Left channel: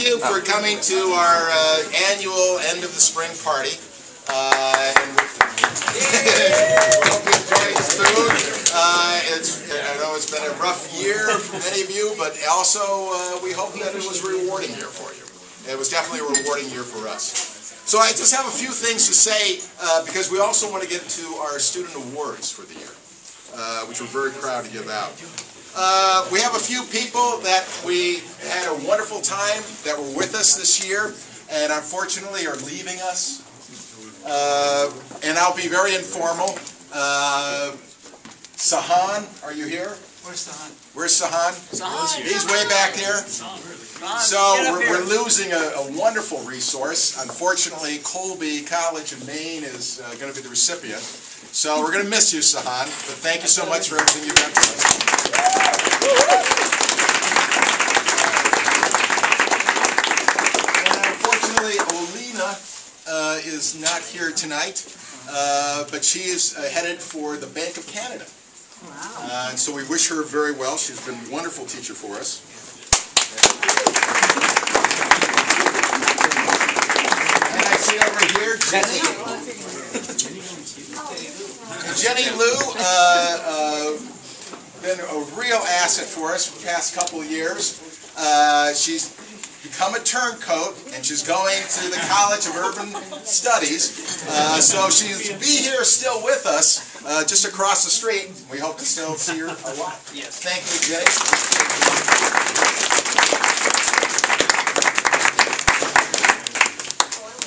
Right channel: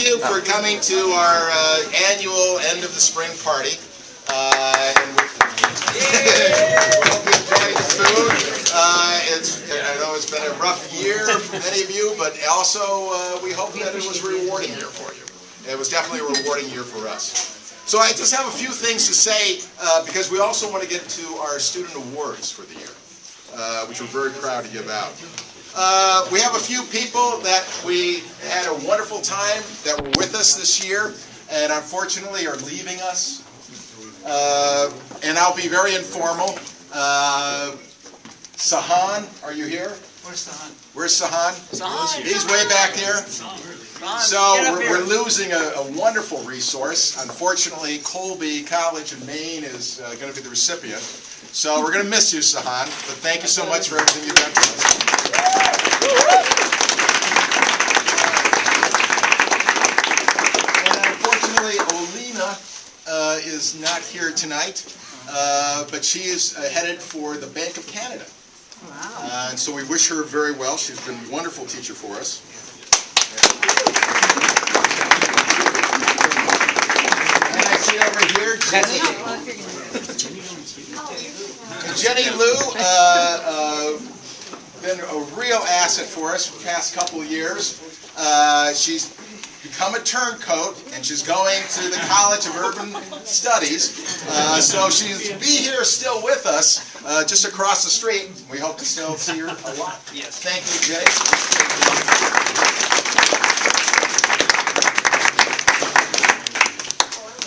thank you for coming to our annual end of the spring party. And we hope you enjoyed the food. I know it's been a rough year for many of you, but also we hope that it was a rewarding year for you. It was definitely a rewarding year for us. So I just have a few things to say because we also want to get to our student awards for the year, which we're very proud to give out. We have a few people that we had a wonderful time that were with us this year and unfortunately are leaving us. And I'll be very informal. Sahan, are you here? Where's Sahan? Where's Sahan? Sahan. He's way back there. So we're losing a wonderful resource. Unfortunately, Colby College in Maine is going to be the recipient. So we're going to miss you, Sahan. But thank you so much for everything you've done for us. And unfortunately, Olina is not here tonight, but she is headed for the Bank of Canada. Wow. And so we wish her very well. She's been a wonderful teacher for us. And I see over here Jenny. Jenny Lou, been a real asset for us for the past couple of years. She's become a turncoat, and she's going to the College of Urban Studies. So she'll be here still with us, just across the street. We hope to still see her a lot. Yes. Thank you, Jenny.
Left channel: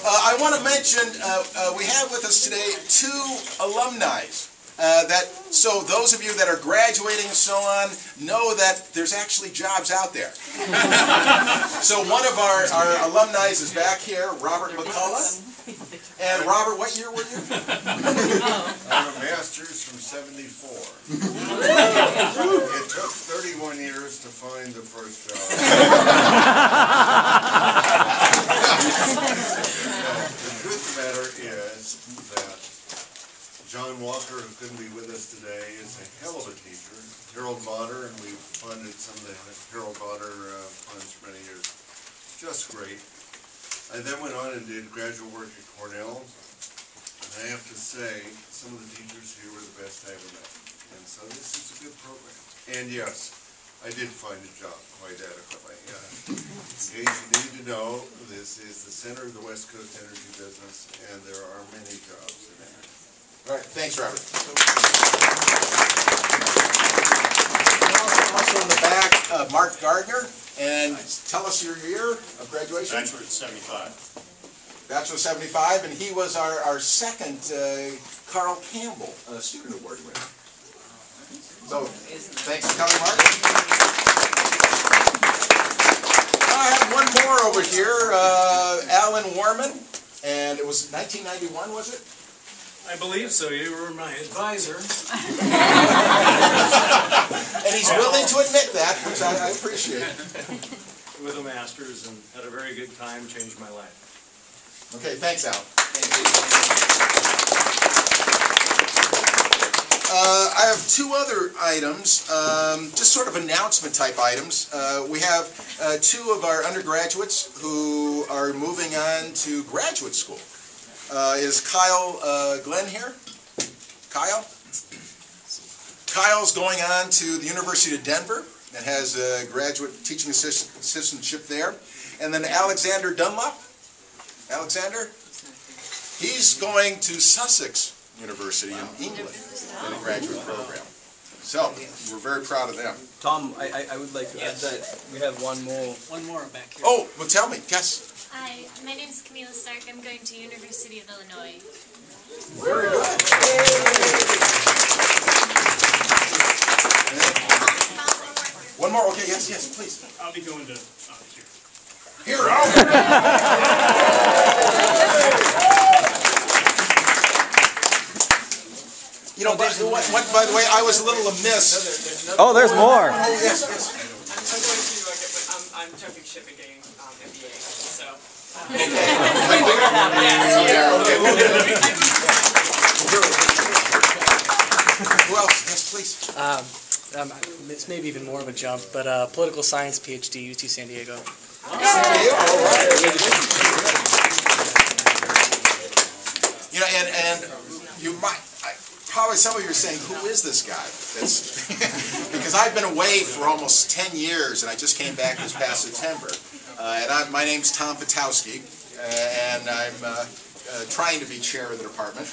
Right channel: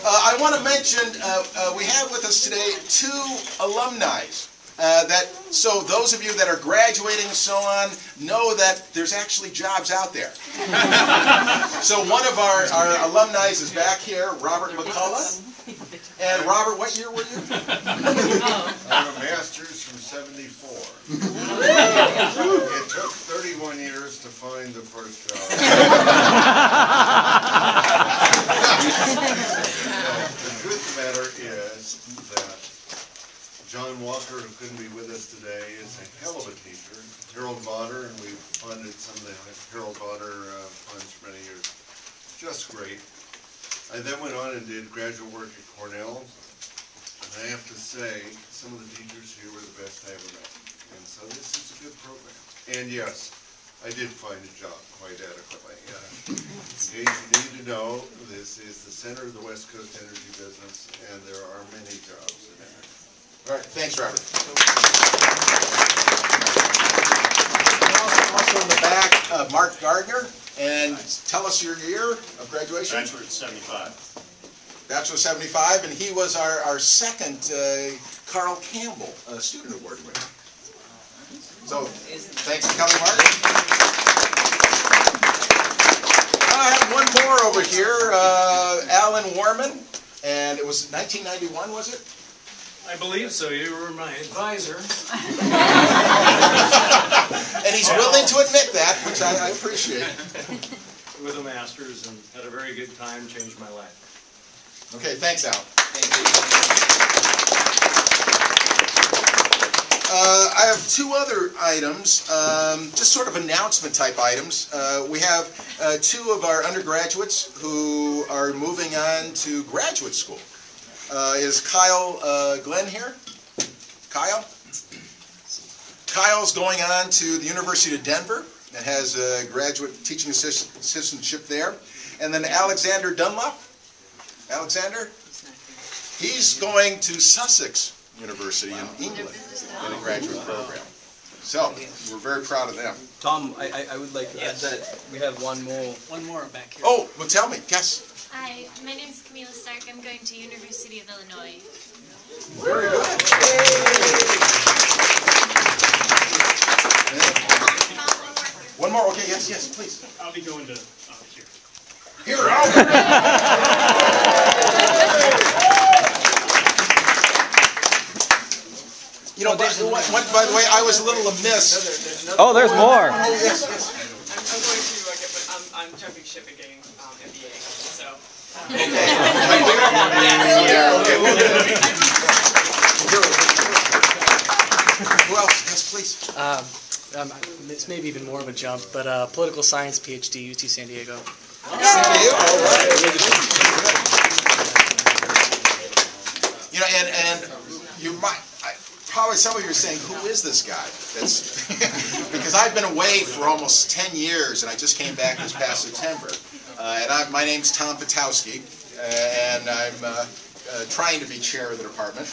I want to mention we have with us today 2 alumni. So those of you that are graduating and so on know that there's actually jobs out there. So one of our alumni is back here, Robert McCullough. And Robert, what year were you? I'm a master's from '74. It took 31 years to find the first job. The truth of the matter is that John Walker, who couldn't be with us today, is a hell of a teacher. Harold Vodder, and we've funded some of the Harold Vodder funds for many years. Just great. I then went on and did graduate work at Cornell. And I have to say, some of the teachers here were the best I ever met. And so this is a good program. And yes, I did find a job quite adequately. In case you need to know, this is the center of the West Coast energy business, and there are many jobs in it. All right, thanks, Robert. Also in the back, Mark Gardner, and tell us your year of graduation. Bachelor at 75. Bachelor 75, and he was our second Carl Campbell Student Award winner. So, thanks for coming, Mark. I have one more over here, Alan Warman, and it was 1991, was it? I believe so. You were my advisor. And he's willing to admit that, which I appreciate. With a master's and had a very good time, changed my life. Okay, thanks, Al. I have 2 other items, just sort of announcement type items. We have 2 of our undergraduates who are moving on to graduate school. Is Kyle Glenn here? Kyle? Kyle's going on to the University of Denver and has a graduate teaching assistantship there. And then Alexander Dunlop. Alexander? He's going to Sussex University in England in a graduate program. So, we're very proud of them. Tom, I would like to add that we have one more back here. Oh, well tell me, yes. Hi, my name is Camila Stark. I'm going to University of Illinois. Very good. One more, okay, yes, please. I'll be going to here. Here, You know, by the way, I was a little amiss. Oh, there's more. Oh, yes. I'm jumping ship and getting MBA, so. Who else? Yes, please. This may be even more of a jump, but political science PhD, UT San Diego. Thank you. You know, and you might, probably some of you are saying, who is this guy? That's because I've been away for almost 10 years, and I just came back this past September. My name's Tom Patowski, and I'm trying to be chair of the department.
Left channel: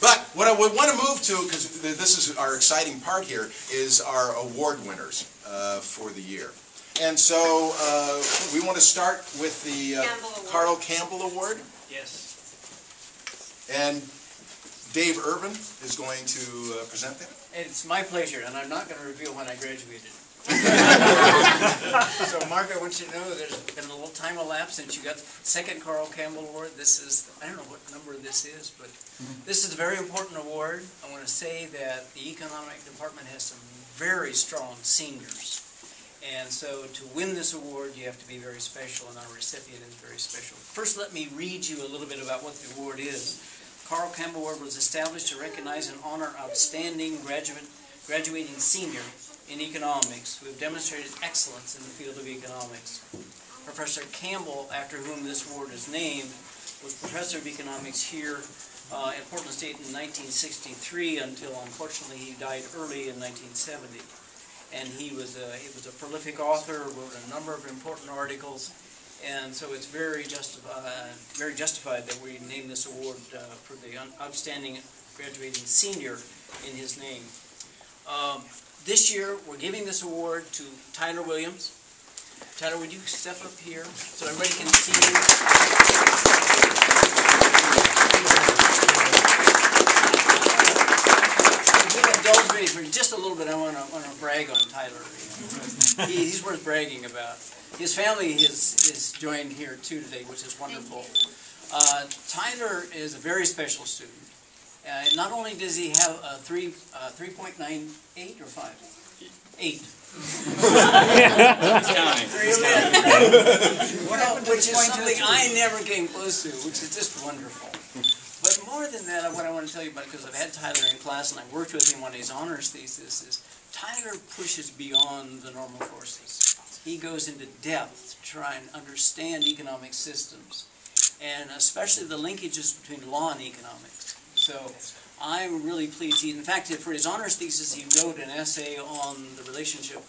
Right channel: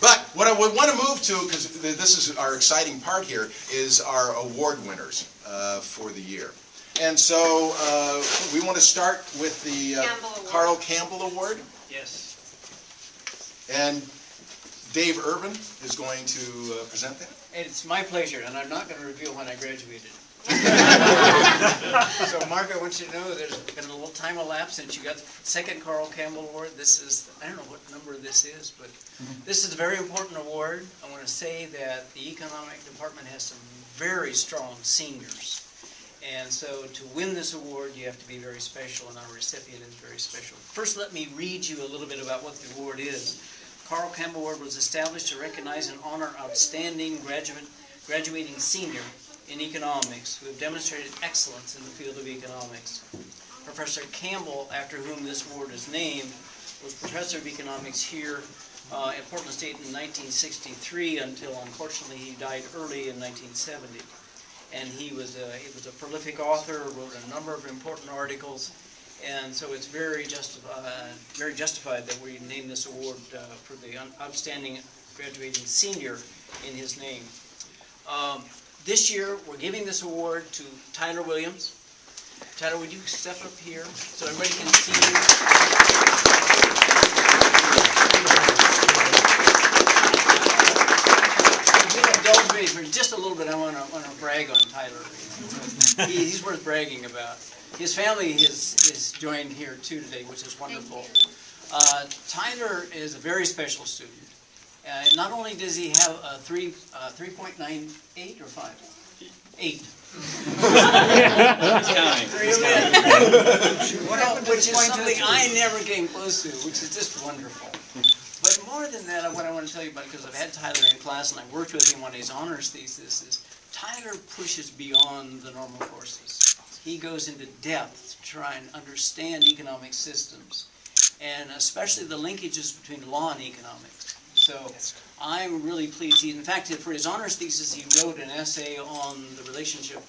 But what I would want to move to, because this is our exciting part here, is our award winners for the year. And so we want to start with the Carl Campbell Award. Yes. And Dave Irvin is going to present that. It's my pleasure, and I'm not going to reveal when I graduated. So, Mark, I want you to know there's been a little time elapsed since you got the second Carl Campbell Award. This is, I don't know what number this is, but this is a very important award. I want to say that the economic department has some very strong seniors. And so to win this award, you have to be very special, and our recipient is very special. First, let me read you a little bit about what the award is. Carl Campbell Award was established to recognize and honor outstanding graduating senior in economics who have demonstrated excellence in the field of economics. Professor Campbell, after whom this award is named, was professor of economics here in Portland State in 1963 until, unfortunately, he died early in 1970. And he was a prolific author, wrote a number of important articles, and so it's very justified that we name this award for the outstanding graduating senior in his name. This year, we're giving this award to Tyler Williams. Tyler, would you step up here so everybody can see you? If you'll indulge me for just a little bit, I want to brag on Tyler. He's worth bragging about. His family is joined here too today, which is wonderful. Tyler is a very special student. Not only does he have a 3.98 or 5? 8. Counting. Which is something I never came close to, which is just wonderful. But more than that, what I want to tell you about, because I've had Tyler in class and I worked with him on his honors thesis, is Tyler pushes beyond the normal courses. He goes into depth to try and understand economic systems, and especially the linkages between law and economics. So I'm really pleased. In fact, for his honors thesis, he wrote an essay on the relationship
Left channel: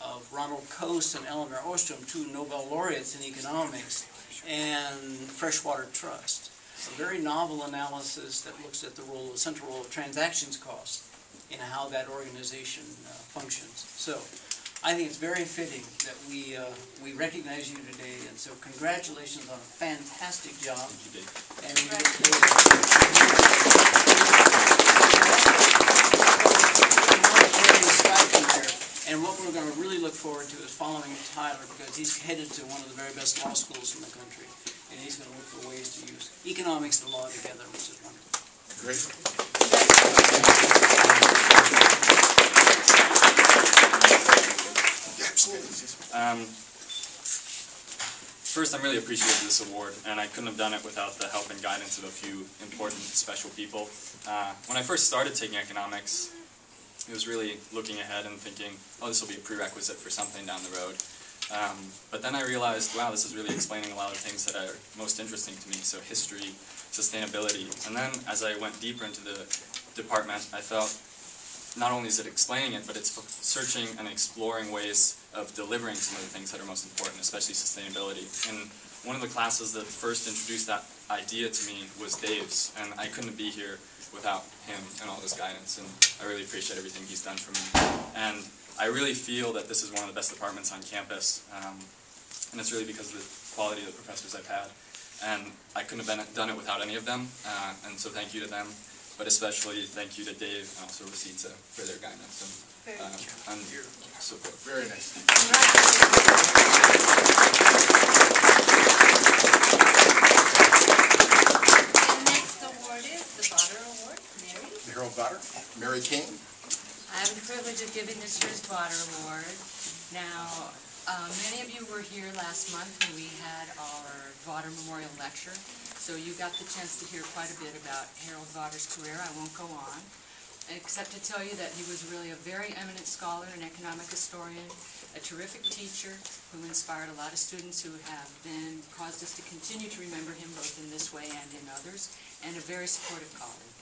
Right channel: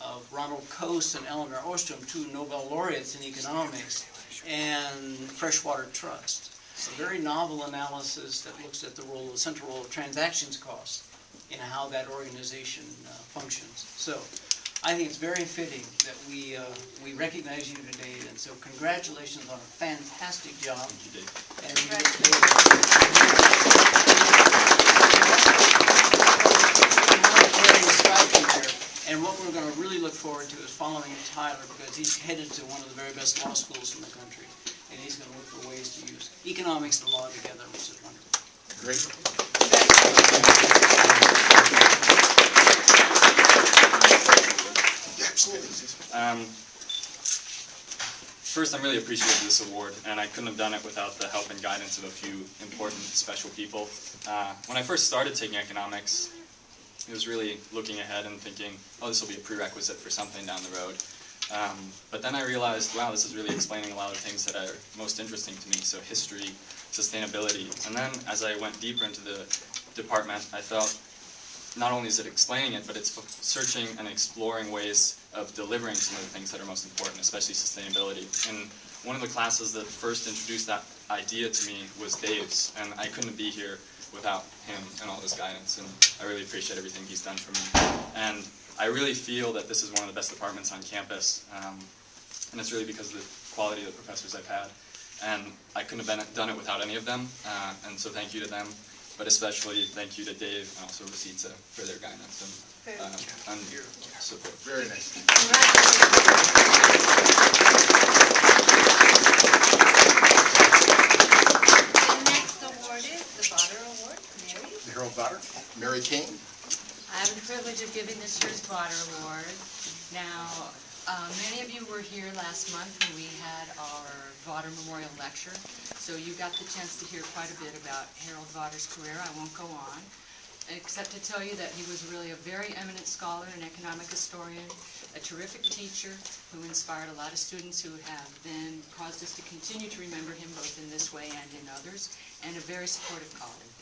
of Ronald Coase and Eleanor Ostrom, two Nobel laureates in economics, and freshwater trust. A very novel analysis that looks at the central role of transactions costs in how that organization functions. So I think it's very fitting that we recognize you today, and so congratulations on a fantastic job. Thank you, Dave. And and what we're going to really look forward to is following Tyler, because he's headed to one of the very best law schools in the country, and he's going to look for ways to use economics and law together, which is wonderful. Great. First, I'm really appreciative of this award, and I couldn't have done it without the help and guidance of a few important, special people. When I first started taking economics, it was really looking ahead and thinking, oh, this will be a prerequisite for something down the road. But then I realized, wow, this is really explaining a lot of things that are most interesting to me, so history, sustainability. And then as I went deeper into the department, I felt not only is it explaining it, but it's searching and exploring ways of delivering some of the things that are most important, especially sustainability. And one of the classes that first introduced that idea to me was Dave's, and I couldn't be here without him and all his guidance, and I really appreciate everything he's done for me. And I really feel that this is one of the best departments on campus, and it's really because of the quality of the professors I've had. And I couldn't have done it without any of them, and so thank you to them. But especially thank you to Dave and also Rosita for their guidance and support. Very nice. The next award is the Botter Award. Mary? The Harold Botter, Mary King. I have the privilege of giving this year's Botter Award. Now, many of you were here last month when we had our Botter Memorial Lecture. So you got the chance to hear quite a bit about Harold Botter's career. I won't go on, except to tell you that he was really a very eminent scholar and economic historian, a terrific teacher who inspired a lot of students who have then caused us to continue to remember him both in this way and in others, and a very supportive colleague.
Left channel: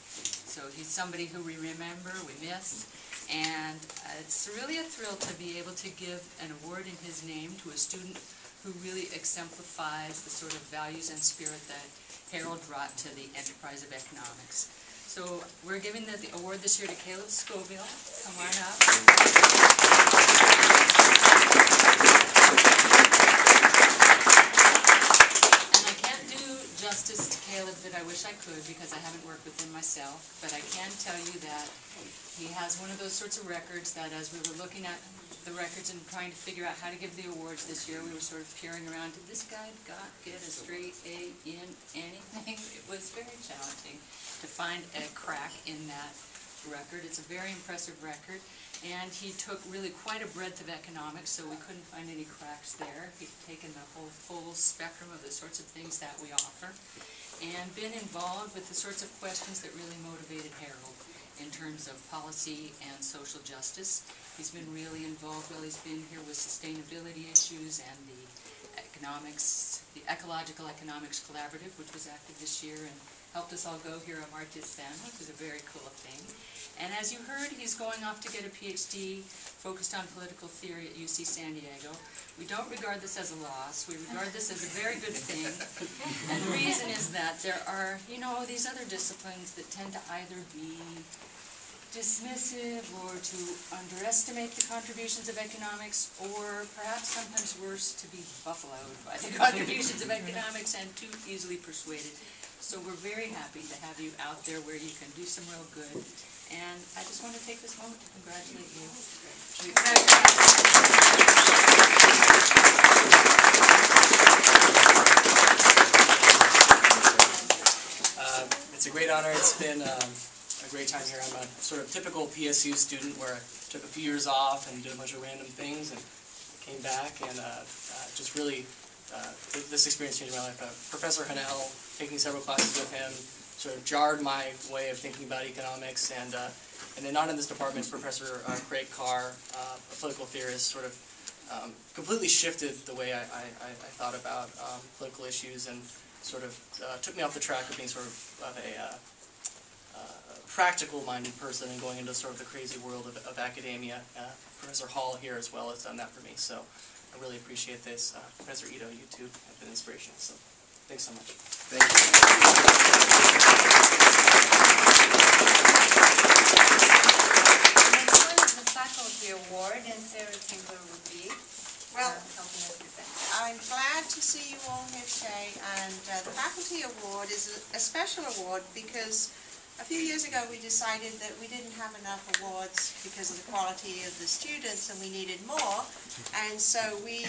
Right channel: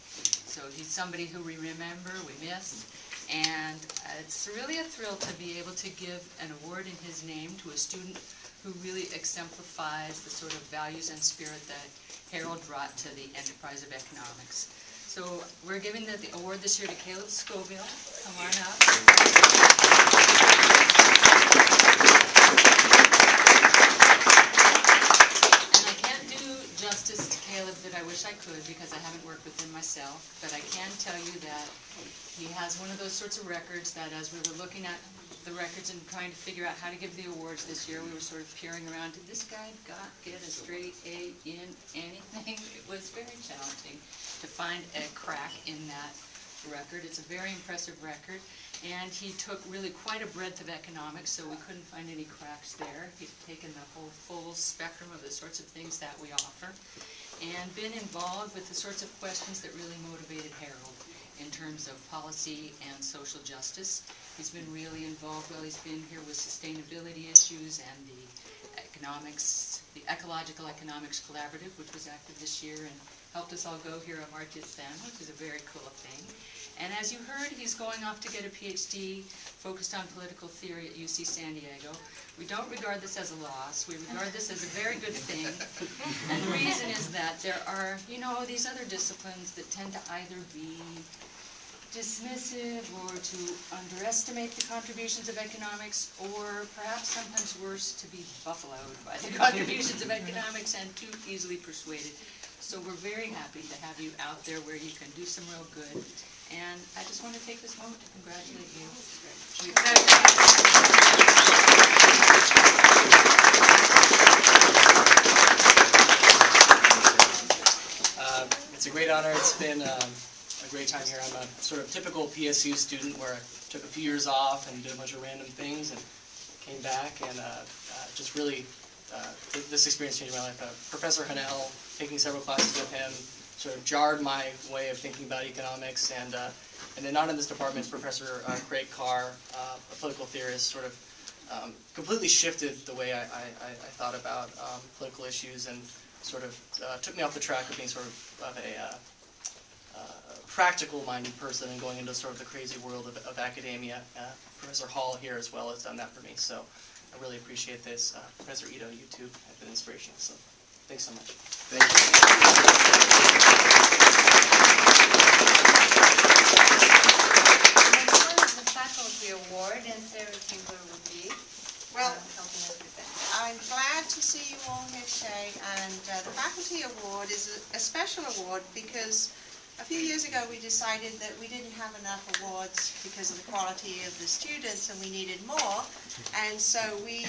So he's somebody who we remember, we miss, and it's really a thrill to be able to give an award in his name to a student who really exemplifies the sort of values and spirit that Harold brought to the enterprise of economics. So we're giving the award this year to Caleb Scoville. Come on up. And I can't do justice to Caleb that I wish I could because I haven't worked with him myself, but I can tell you that he has one of those sorts of records that as we were looking at the records and trying to figure out how to give the awards this year, we were sort of peering around. Did this guy get a straight A in anything? It was very challenging to find a crack in that record. It's a very impressive record, and he took really quite a breadth of economics, so we couldn't find any cracks there. He'd taken the whole full spectrum of the sorts of things that we offer, and been involved with the sorts of questions that really motivated Harold in terms of policy and social justice. He's been really involved while he's been here with sustainability issues and the Ecological Economics Collaborative, which was active this year and helped us all go here on March 10th, which is a very cool thing. And as you heard, he's going off to get a PhD focused on political theory at UC San Diego. We don't regard this as a loss. We regard this as a very good thing. And the reason is that there are, you know, these other disciplines that tend to either be dismissive or to underestimate the contributions of economics, or perhaps sometimes worse, to be buffaloed by the contributions of economics and too easily persuaded. So we're very happy to have you out there where you can do some real good. And I just want to take this moment to congratulate you. It's a great honor. It's been a great time here. I'm a sort of typical PSU student where I took a few years off and did a bunch of random things and came back, and just really this experience changed my life. Professor Hanel, taking several classes with him, sort of jarred my way of thinking about economics, and then not in this department, Professor Craig Carr, a political theorist, sort of completely shifted the way I thought about political issues, and sort of took me off the track of being sort of a practical-minded person and going into sort of the crazy world of academia. Professor Hall here as well has done that for me, so I really appreciate this. Professor Ito, you too have been inspirational, so thanks so much. Thank you. Next one is the Faculty Award, and Sarah Tingler will be helping us present. I'm glad to see you all here today, and the Faculty Award is a special award because a few years ago we decided that we didn't have enough awards because of the quality of the students and we needed more, and so we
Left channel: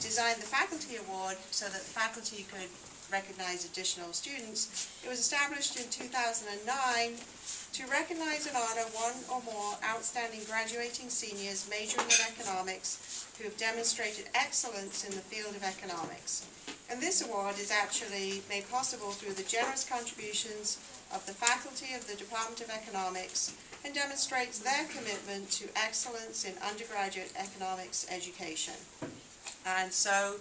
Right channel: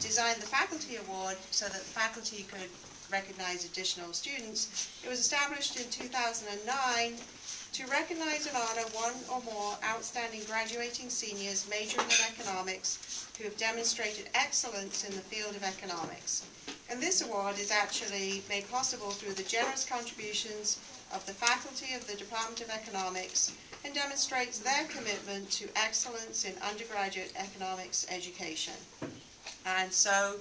designed the Faculty Award so that the faculty could recognize additional students. It was established in 2009 to recognize and honor one or more outstanding graduating seniors majoring in economics who have demonstrated excellence in the field of economics. And this award is actually made possible through the generous contributions of the faculty of the Department of Economics and demonstrates their commitment to excellence in undergraduate economics education. And so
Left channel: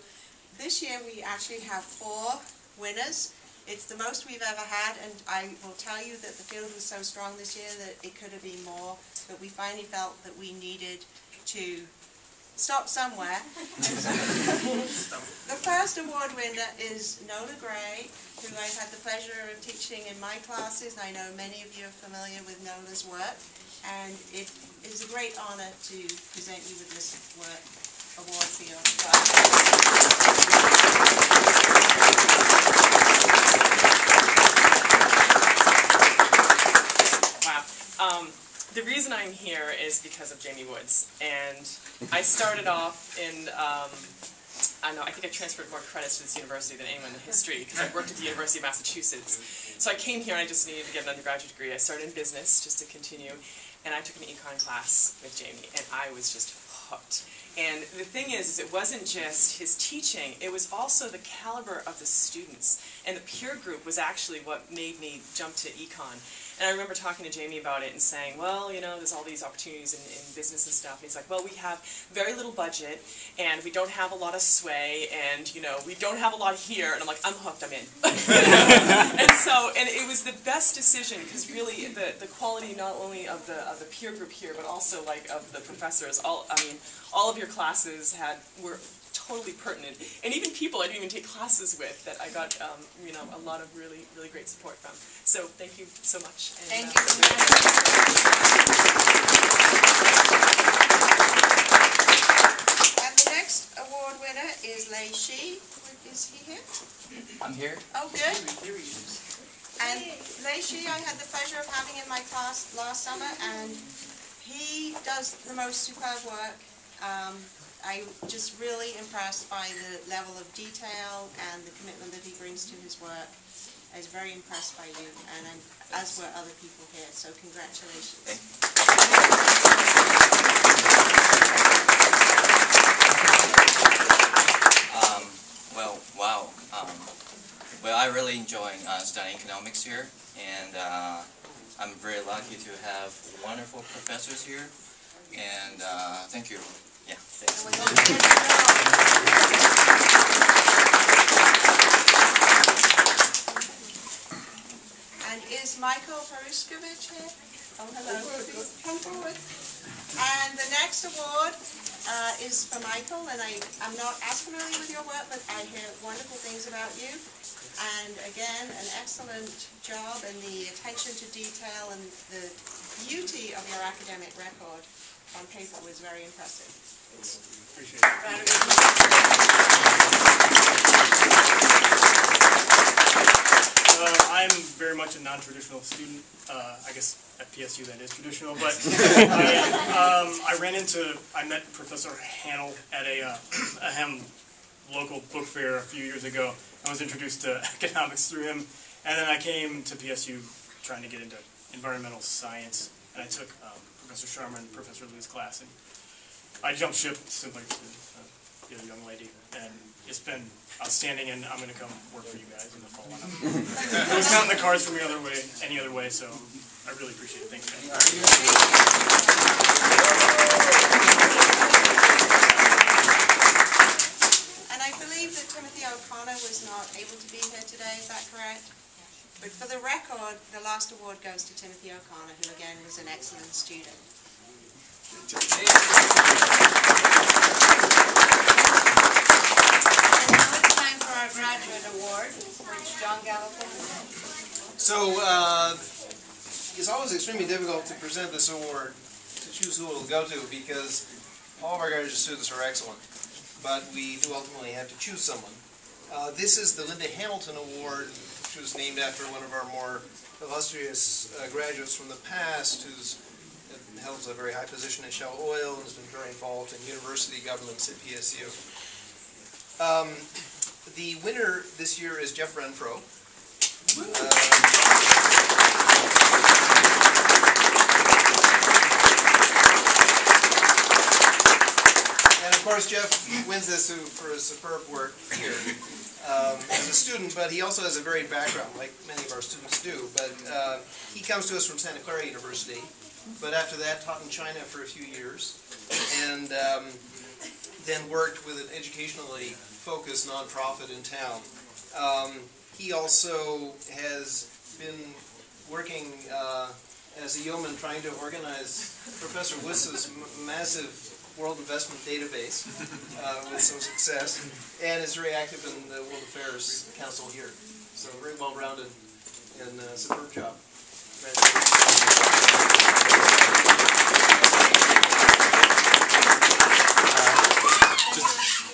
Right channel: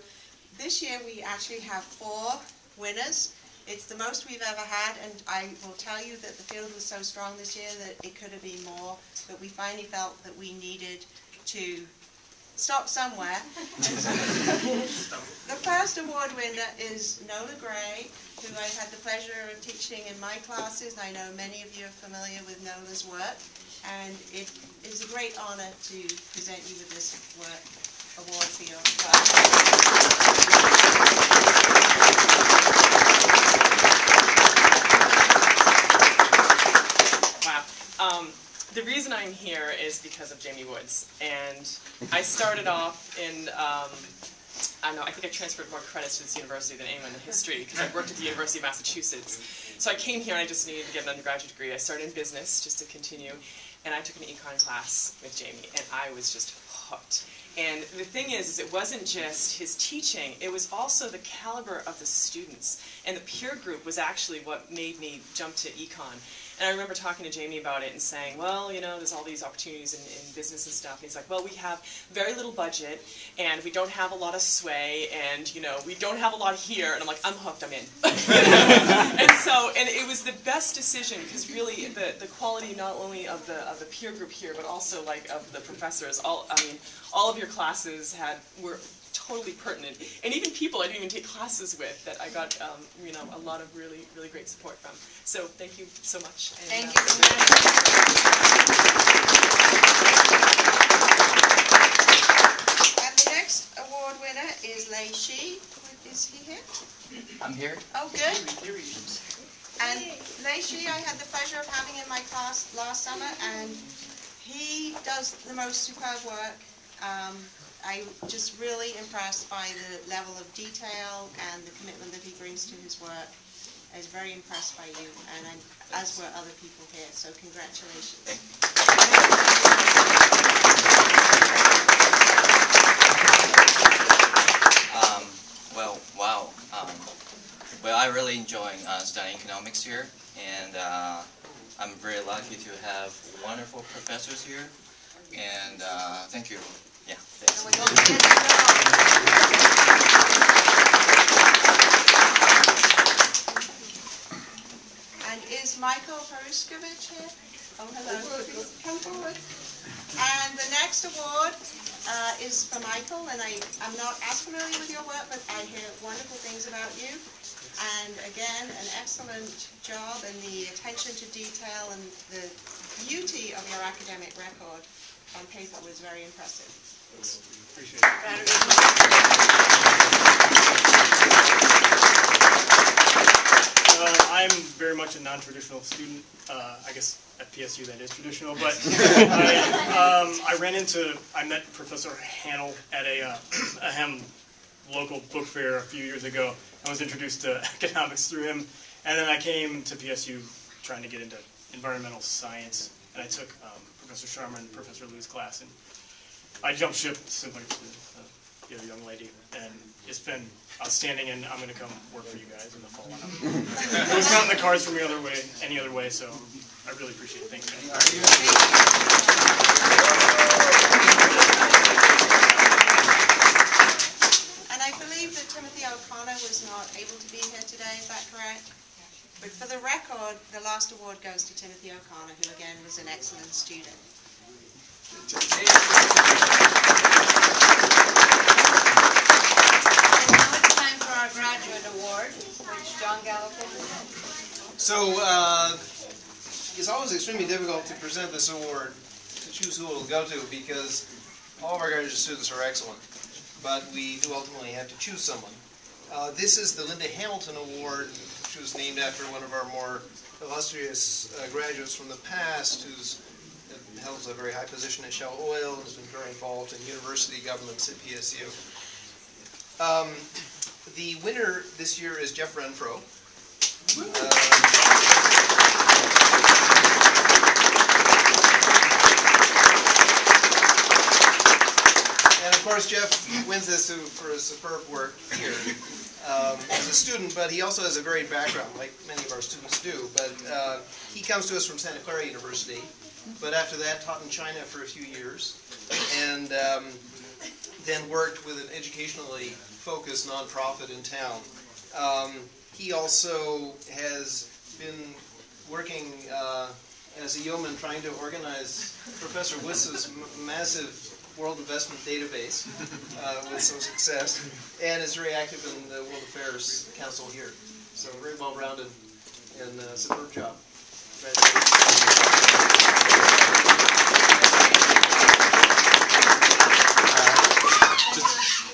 this year we actually have 4 winners. It's the most we've ever had, and I will tell you that the field was so strong this year that it could have been more, but we finally felt that we needed to stop somewhere. The first award winner is Nola Gray, who I've had the pleasure of teaching in my classes, and I know many of you are familiar with Nola's work, and it is a great honor to present you with this award for your class. Wow. The reason I'm here is because of Jamie Woods, and I started off in, I don't know, I think I transferred more credits to this university than anyone in history because I worked at the University of Massachusetts. So I came here and I just needed to get an undergraduate degree. I started in business just to continue, and I took an econ class with Jamie, and I was just hooked. And the thing is it wasn't just his teaching, it was also the caliber of the students. And the peer group was actually what made me jump to econ. And I remember talking to Jamie about it and saying, well, you know, there's all these opportunities in business and stuff. And he's like, well, we have very little budget, and we don't have a lot of sway, and, you know, we don't have a lot here. And I'm like, I'm hooked, I'm in. and it was the best decision, because really the quality not only of the peer group here, but also like of the professors. All of your classes were totally pertinent, and even people I didn't even take classes with that I got you know, a lot of really great support from. So thank you so much. And, Thank you. And the next award winner is Lei Shi. Is he here? I'm here. Oh, good. And Lei Shi, I had the pleasure of having in my class last summer, and he does the most superb work. I'm just really impressed by the level of detail and the commitment that he brings to his work. I was very impressed by you, and as were other people here, so congratulations. Well, wow. Well, I really enjoy studying economics here, and I'm very lucky to have wonderful professors here, and thank you. Yeah, thanks. And is Michael Peruskovic here? Oh, hello. Please come forward. And the next award is for Michael, and I'm not as familiar with your work, but I hear wonderful things about you. And again, an excellent job, and the attention to detail and the beauty of your academic record on paper was very impressive. Appreciate it. I'm very much a non-traditional student. I guess at PSU that is traditional, but I met Professor Hanel at a local book fair a few years ago. I was introduced to economics through him, and then I came to PSU trying to get into environmental science, and I took Professor Sharma and Professor Liu's class, and I jumped ship similar to the other young lady, and it's been outstanding, and I'm going to come work for you guys in the fall. It was not in the cards for me any other way, so I really appreciate it. Thanks, guys. And I believe that Timothy O'Connor was not able to be here today, is that correct? But for the record, the last award goes to Timothy O'Connor, who again was an excellent student. And now it's time for our graduate award, which John Gallagher. So it's always extremely difficult to present this award, to choose who it will go to, because all of our graduate students are excellent. But we do ultimately have to choose someone. This is the Linda Hamilton Award, which was named after one of our more illustrious graduates from the past, who's holds a very high position at Shell Oil and has been very involved in university governance at PSU. The winner this year is Jeff Renfro. And of course, Jeff wins this for his superb work here as a student, but he also has a varied background, like many of our students do. But he comes to us from Santa Clara University, but after that taught in China for a few years, and then worked with an educationally focused nonprofit in town. He also has been working as a yeoman trying to organize Professor Wiss's massive World Investment Database with some success, and is very active in the World Affairs Council here. So very well-rounded and superb job.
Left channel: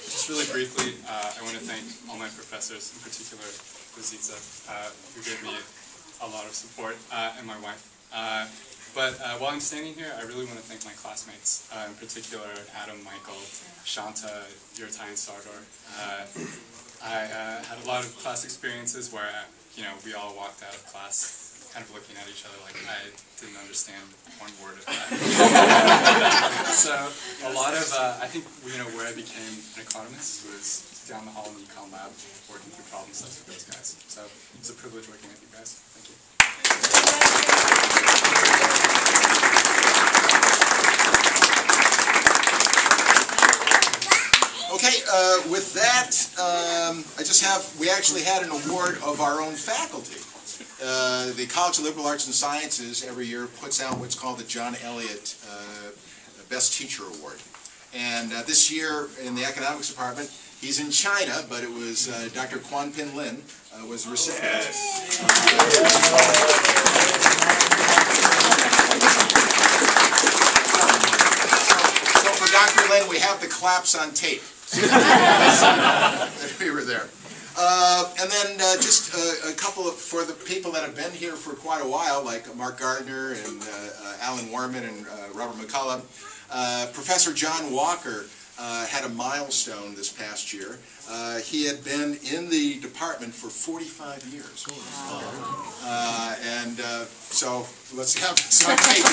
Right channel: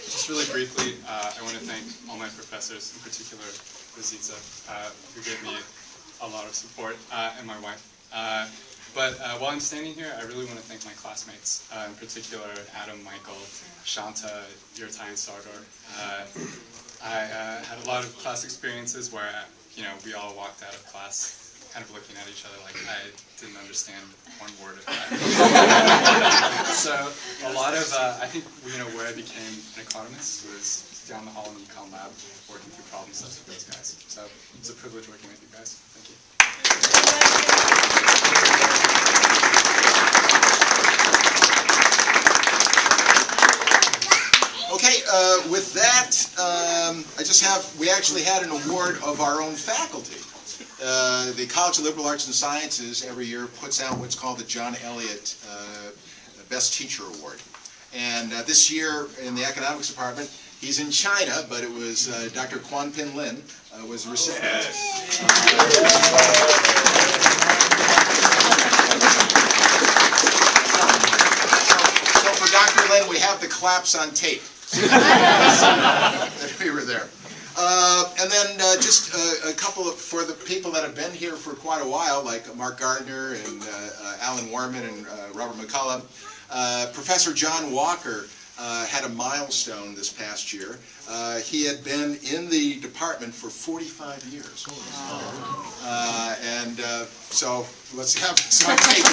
Just really briefly, I want to thank all my professors, in particular Rosita, who gave me a lot of support, and my wife. But while I'm standing here, I really want to thank my classmates, in particular Adam, Michael, Shanta, Yurtai, and Sardor. I had a lot of class experiences where, we all walked out of class kind of looking at each other like I didn't understand one word of that. So a lot of, I think, where I became an economist was down the hall in the econ lab, working through problem sets with those guys. So it's a privilege working with you guys. Thank you. Okay, with that, we actually had an award of our own faculty. The College of Liberal Arts and Sciences every year puts out what's called the John Elliott Best Teacher Award. And this year in the economics department, he's in China, but it was Dr. Quan Pin Lin was the recipient. So for Dr. Lin, we have the claps on tape. That we were there. And then just a couple of, for the people that have been here for quite a while, like Mark Gardner and Alan Warman and Robert McCullough, Professor John Walker had a milestone this past year. He had been in the department for 45 years. So let's have some tape.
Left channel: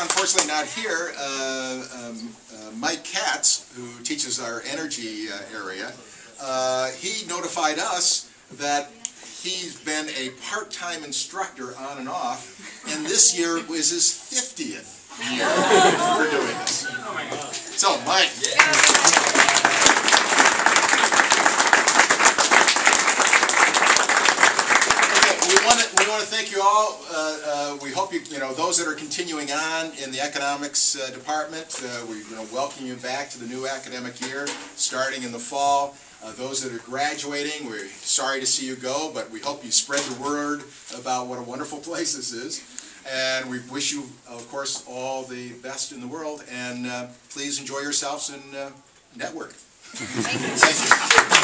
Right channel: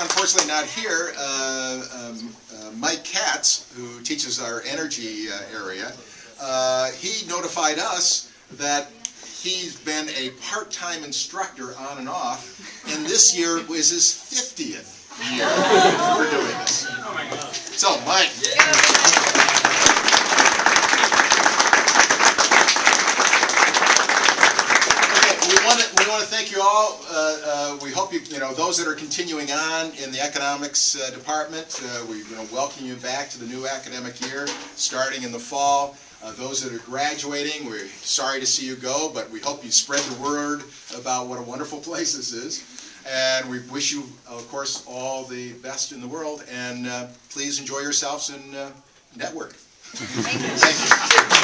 Unfortunately not here, Mike Katz, who teaches our energy area, he notified us that he's been a part-time instructor on and off, and this year was his 50th year for doing this. Oh my God. So, Mike. We want to thank you all. We hope those that are continuing on in the economics department, we're going to welcome you back to the new academic year, starting in the fall. Those that are graduating, we're sorry to see you go, but we hope you spread the word about what a wonderful place this is. And we wish you, of course, all the best in the world. And please enjoy yourselves and network. Thank you.